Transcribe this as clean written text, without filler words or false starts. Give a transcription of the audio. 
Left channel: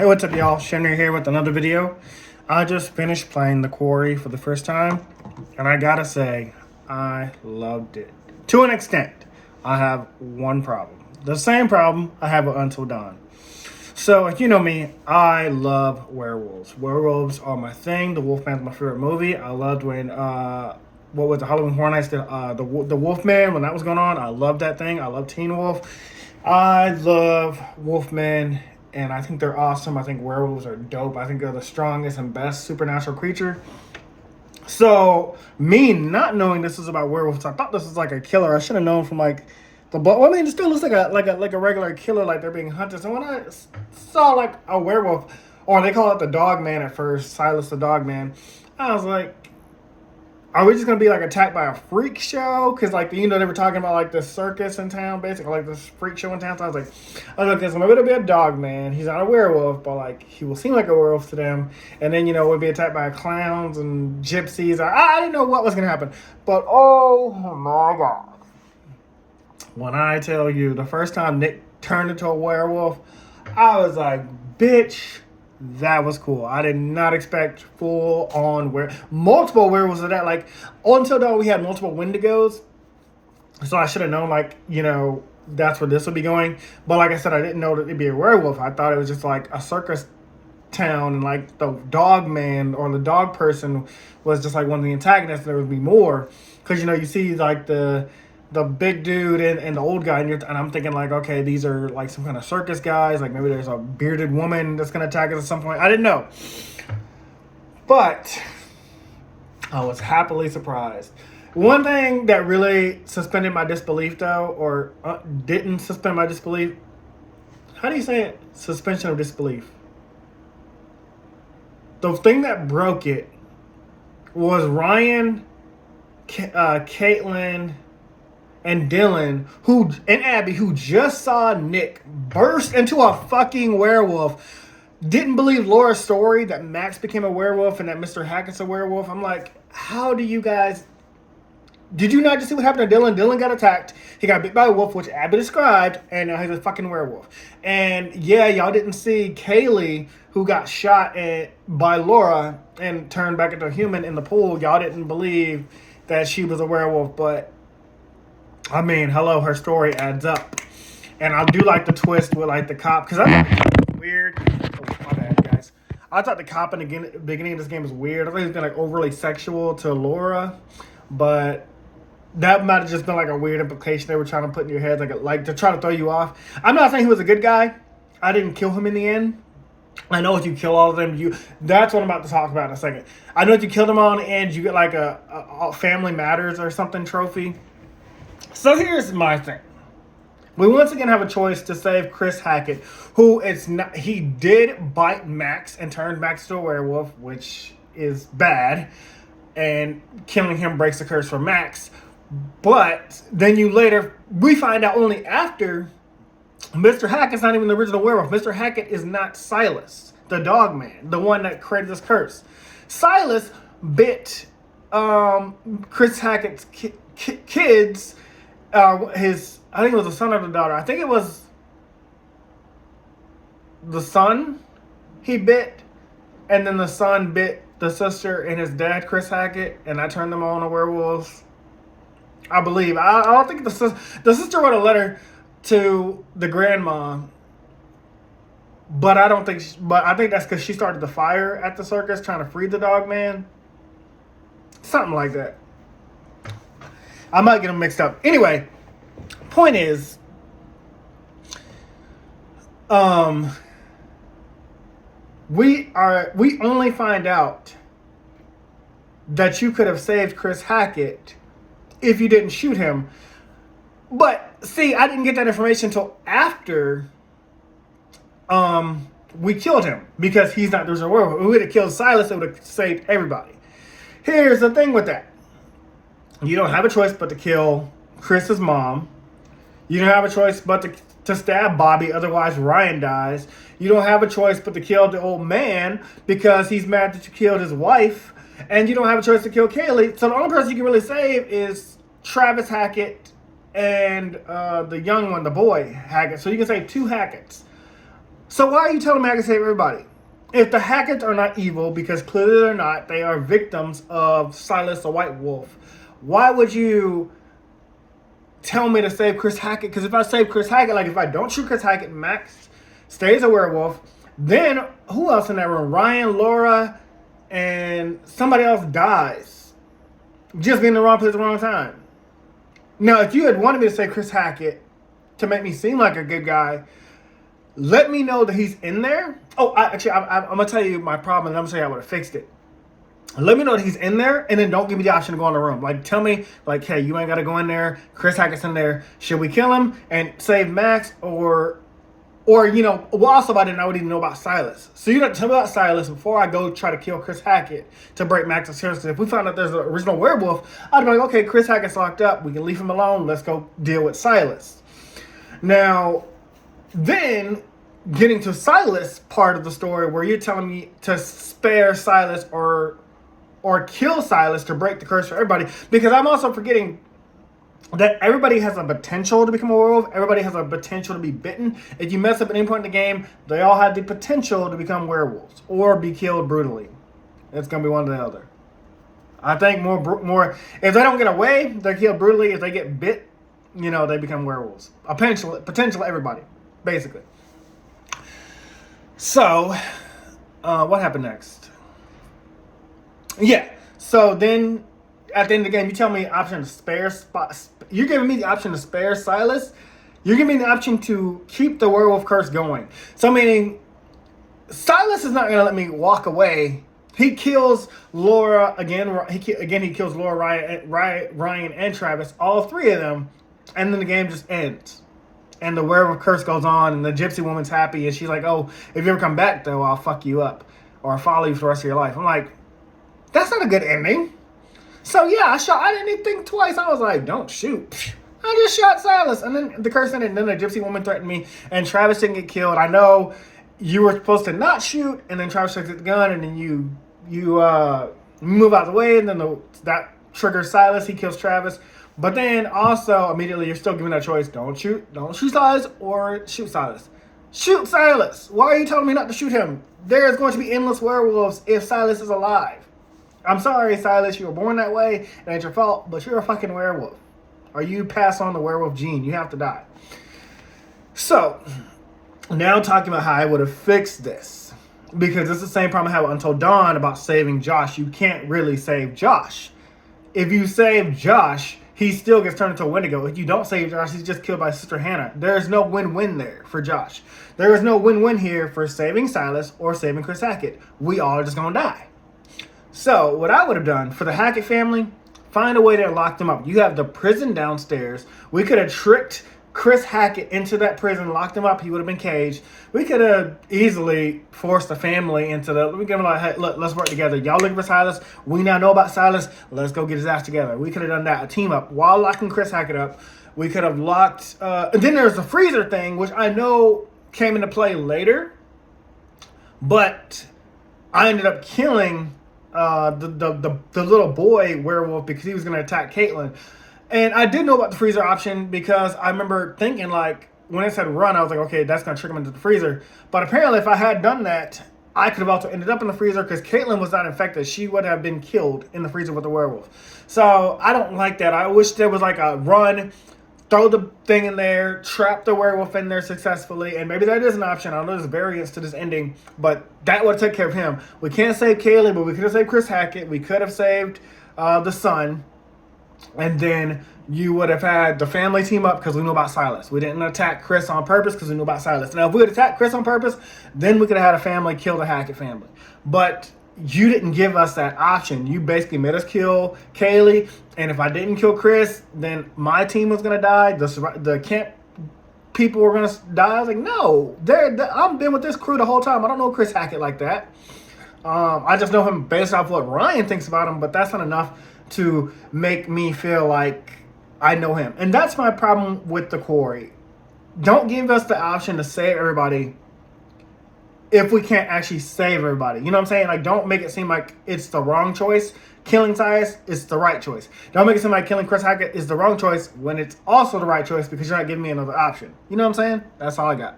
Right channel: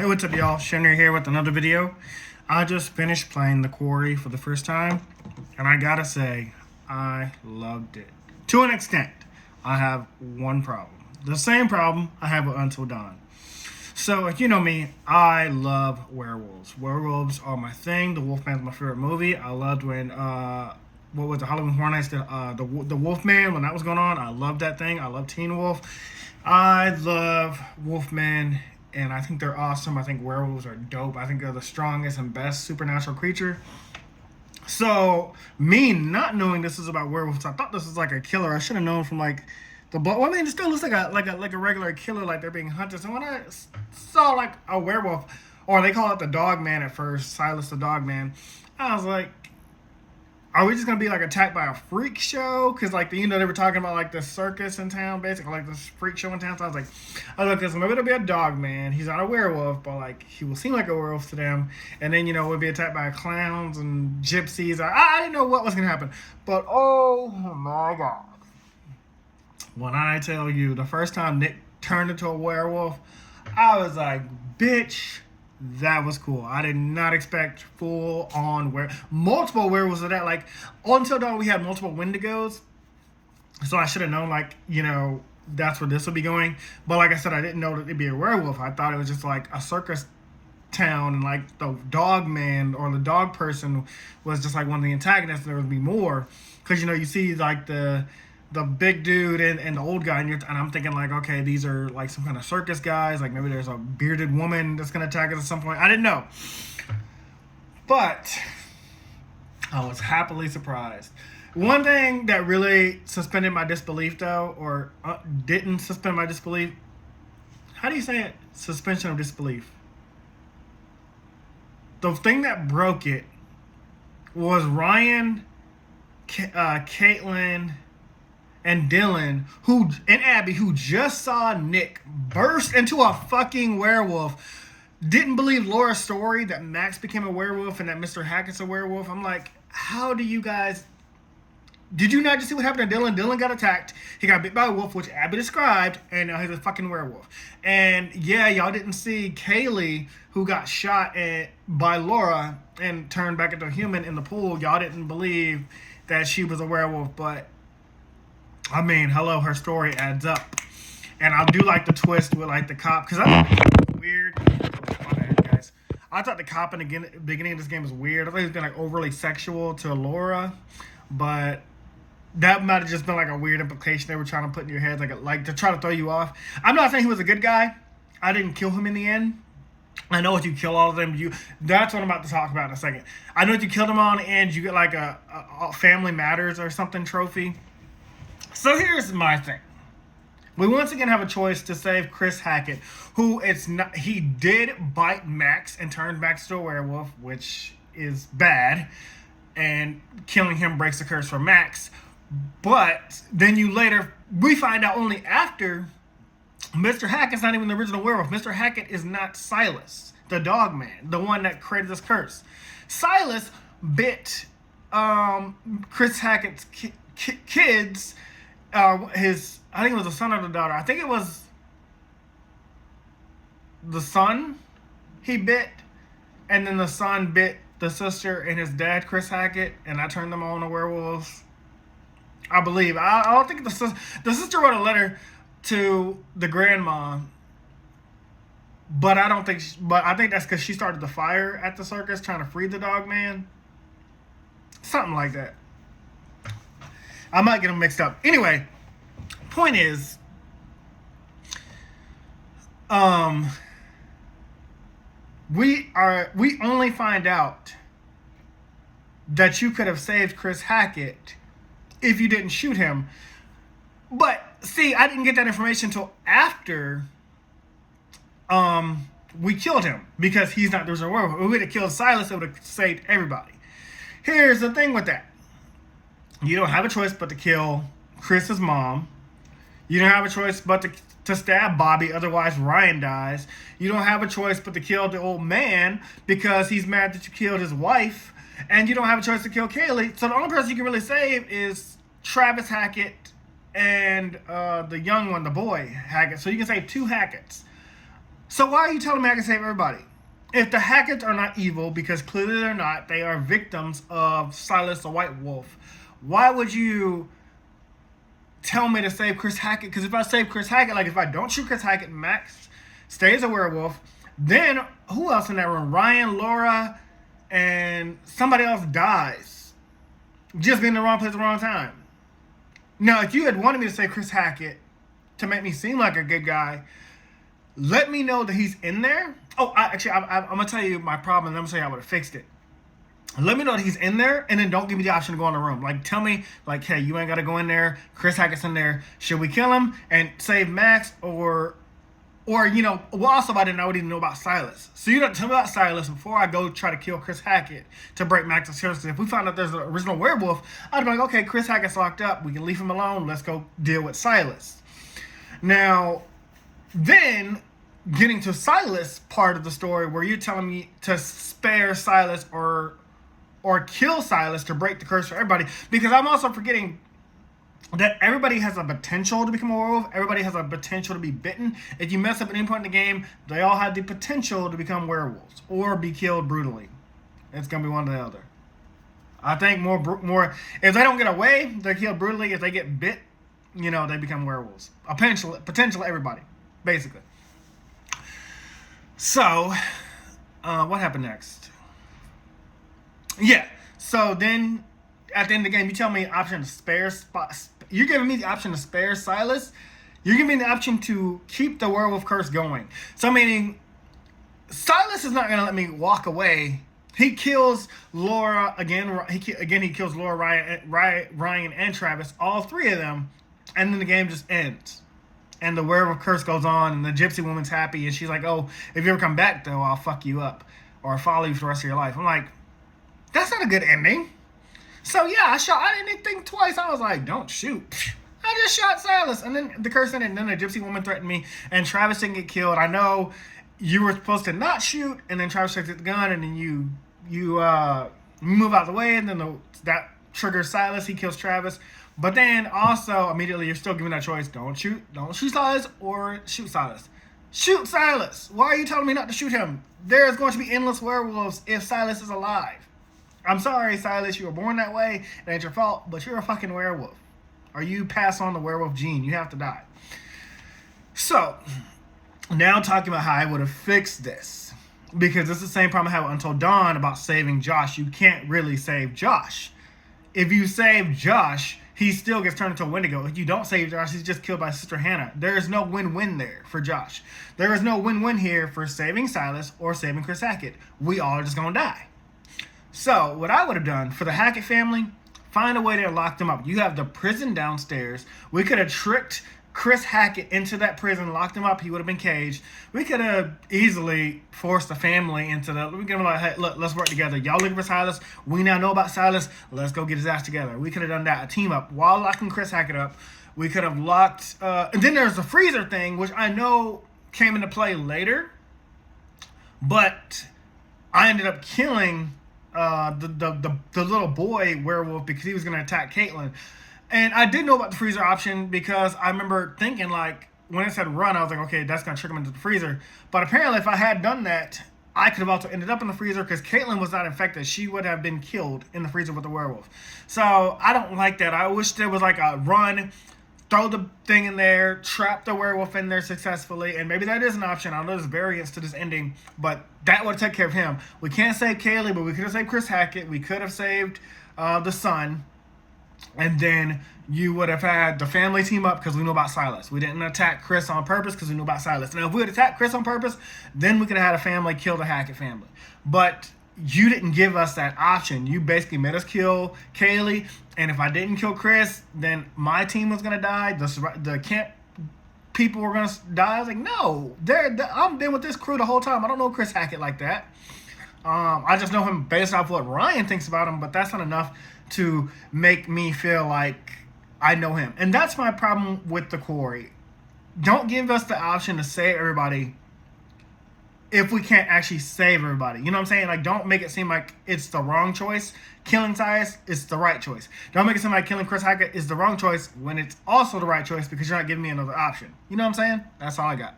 Hey, what's up, y'all? Shinry here with another video. I just finished playing The Quarry for the first time, and I gotta say, I loved it. To an extent, I have one problem. The same problem I have with Until Dawn. So, if you know me, I love werewolves. Werewolves are my thing. The Wolfman's my favorite movie. I loved when, what was the Halloween Horror Nights, the Wolfman, when that was going on. I loved that thing. I love Teen Wolf. I love Wolfman. And I think they're awesome. I think werewolves are dope. I think they're the strongest and best supernatural creature. So, me not knowing this is about werewolves, I thought this was like a killer. I should have known from like the book. Well, I mean, it still looks like a regular killer, like they're being hunted. So when I saw like a werewolf, or they call it the dog man at first, Silas the dog man, I was like, are we just gonna be like attacked by a freak show? Because like they were talking about like this circus in town, basically like this freak show in town. So I was like, okay, so maybe it'll be a dog man. He's not a werewolf, but like he will seem like a werewolf to them. And then we'll be attacked by clowns and gypsies. I didn't know what was gonna happen, but oh my god! When I tell you, the first time Nick turned into a werewolf, I was like, bitch. That was cool. I did not expect full-on multiple werewolves of that. Like, Until Dawn, we had multiple Wendigos. So I should have known, like, that's where this would be going. But like I said, I didn't know that it'd be a werewolf. I thought it was just like a circus town. And like the dog man or the dog person was just like one of the antagonists. There would be more. Because, you see like the big dude and the old guy, and I'm thinking like, okay, these are like some kind of circus guys. Like maybe there's a bearded woman that's going to attack us at some point. I didn't know. But I was happily surprised. One thing that really suspended my disbelief, though, or didn't suspend my disbelief, how do you say it? Suspension of disbelief. The thing that broke it was Ryan, Caitlin, and Dylan, and Abby, who just saw Nick burst into a fucking werewolf, didn't believe Laura's story that Max became a werewolf and that Mr. Hackett's a werewolf. I'm like, how do you guys... Did you not just see what happened to Dylan? Dylan got attacked. He got bit by a wolf, which Abby described, and now he's a fucking werewolf. And yeah, y'all didn't see Kaylee, who got shot by Laura and turned back into a human in the pool. Y'all didn't believe that she was a werewolf, but I mean, hello, her story adds up. And I do like the twist with like the cop, because I thought it was weird. Oh, my bad, guys. I thought the cop in the beginning of this game was weird. I thought he was like overly sexual to Laura, but that might have just been like a weird implication they were trying to put in your head, like to try to throw you off. I'm not saying he was a good guy. I didn't kill him in the end. I know if you kill all of them, that's what I'm about to talk about in a second. I know if you kill them all in the end, you get like a Family Matters or something trophy. So here's my thing. We once again have a choice to save Chris Hackett, he did bite Max and turned Max to a werewolf, which is bad, and killing him breaks the curse for Max. But then we find out only after Mr. Hackett's not even the original werewolf. Mr. Hackett is not Silas, the dog man, the one that created this curse. Silas bit Chris Hackett's kids. I think it was the son or the daughter. I think it was the son he bit, and then the son bit the sister and his dad, Chris Hackett, and I turned them all into werewolves. I believe. I don't think the sister wrote a letter to the grandma, but I think that's because she started the fire at the circus trying to free the dog man. Something like that. I might get them mixed up. Anyway, point is, we only find out that you could have saved Chris Hackett if you didn't shoot him. But see, I didn't get that information until after we killed him, because he's not the original werewolf. If we would have killed Silas, it would have saved everybody. Here's the thing with that. You don't have a choice but to kill Chris's mom. You don't have a choice but to stab Bobby, otherwise Ryan dies. You don't have a choice but to kill the old man because he's mad that you killed his wife. And you don't have a choice to kill Kaylee. So the only person you can really save is Travis Hackett and the young one, the boy Hackett. So you can save two Hacketts. So why are you telling me I can save everybody? If the Hackets are not evil, because clearly they're not, they are victims of Silas the White Wolf, why would you tell me to save Chris Hackett? Because if I save Chris Hackett, like if I don't shoot Chris Hackett, Max stays a werewolf, then who else in that room? Ryan, Laura, and somebody else dies. Just being in the wrong place at the wrong time. Now, if you had wanted me to save Chris Hackett to make me seem like a good guy, let me know that he's in there. Oh, I'm going to tell you my problem, and I'm going to say I would have fixed it. Let me know that he's in there, and then don't give me the option to go in the room. Like, tell me, like, hey, you ain't got to go in there. Chris Hackett's in there. Should we kill him and save Max? Or you know, well, also I didn't even know about Silas. So you don't tell me about Silas before I go try to kill Chris Hackett to break Max's seriously. If we found out there's an original werewolf, I'd be like, okay, Chris Hackett's locked up. We can leave him alone. Let's go deal with Silas. Now, then getting to Silas part of the story where you're telling me to spare Silas or kill Silas to break the curse for everybody, because I'm also forgetting that everybody has a potential to become a werewolf. Everybody has a potential to be bitten. If you mess up at any point in the game, they all have the potential to become werewolves or be killed brutally. It's going to be one or the other. I think more if they don't get away, they're killed brutally. If they get bit, you know, they become werewolves. Potential everybody, basically. So, what happened next? Yeah, so then at the end of the game, you tell me the option to spare you're giving me the option to spare Silas. You're giving me the option to keep the werewolf curse going. So meaning, Silas is not going to let me walk away. He kills Laura again. He kills Laura, Ryan, and Travis, all three of them, and then the game just ends. And the werewolf curse goes on, and the gypsy woman's happy, and she's like, "Oh, if you ever come back, though, I'll fuck you up, or I'll follow you for the rest of your life." I'm like, that's not a good ending. So yeah, I didn't even think twice. I was like, don't shoot. I just shot Silas. And then the curse ended, and then the gypsy woman threatened me, and Travis didn't get killed. I know you were supposed to not shoot, and then Travis takes the gun, and then you move out of the way, and then that triggers Silas. He kills Travis. But then also, immediately, you're still given that choice. Don't shoot Silas or shoot Silas. Shoot Silas. Why are you telling me not to shoot him? There is going to be endless werewolves if Silas is alive. I'm sorry, Silas, you were born that way. It ain't your fault, but you're a fucking werewolf. Or you pass on the werewolf gene. You have to die. So, now talking about how I would have fixed this. Because it's the same problem I had with Until Dawn about saving Josh. You can't really save Josh. If you save Josh, he still gets turned into a Wendigo. If you don't save Josh, he's just killed by Sister Hannah. There is no win-win there for Josh. There is no win-win here for saving Silas or saving Chris Hackett. We all are just going to die. So, what I would have done for the Hackett family, find a way to lock them up. You have the prison downstairs. We could have tricked Chris Hackett into that prison, locked him up. He would have been caged. We could have easily forced the family into the... We give them like, hey, look, let's work together. Y'all looking for Silas. We now know about Silas. Let's go get his ass together. We could have done that, a team up. While locking Chris Hackett up, we could have locked... and then there's the freezer thing, which I know came into play later. But I ended up killing... the little boy werewolf because he was going to attack Caitlin. And I did know about the freezer option because I remember thinking, like, when it said run, I was like, okay, that's going to trick him into the freezer. But apparently if I had done that, I could have also ended up in the freezer because Caitlin was not infected. She would have been killed in the freezer with the werewolf. So I don't like that. I wish there was like a run, throw the thing in there, trap the werewolf in there successfully, and maybe that is an option. I know there's variants to this ending, but that would take care of him. We can't save Kaylee, but we could have saved Chris Hackett. We could have saved the son, and then you would have had the family team up because we knew about Silas. We didn't attack Chris on purpose because we knew about Silas. Now, if we had attacked Chris on purpose, then we could have had a family kill the Hackett family. But you didn't give us that option. You basically made us kill Kaylee, and if I didn't kill Chris, then my team was going to die. The camp people were going to die. I was like, no, I've been with this crew the whole time. I don't know Chris Hackett like that. I just know him based off what Ryan thinks about him, but that's not enough to make me feel like I know him. And that's my problem with the Quarry. Don't give us the option to save everybody if we can't actually save everybody. You know what I'm saying? Like, don't make it seem like it's the wrong choice. Killing Silas is the right choice. Don't make it seem like killing Chris Hackett is the wrong choice when it's also the right choice because you're not giving me another option. You know what I'm saying? That's all I got.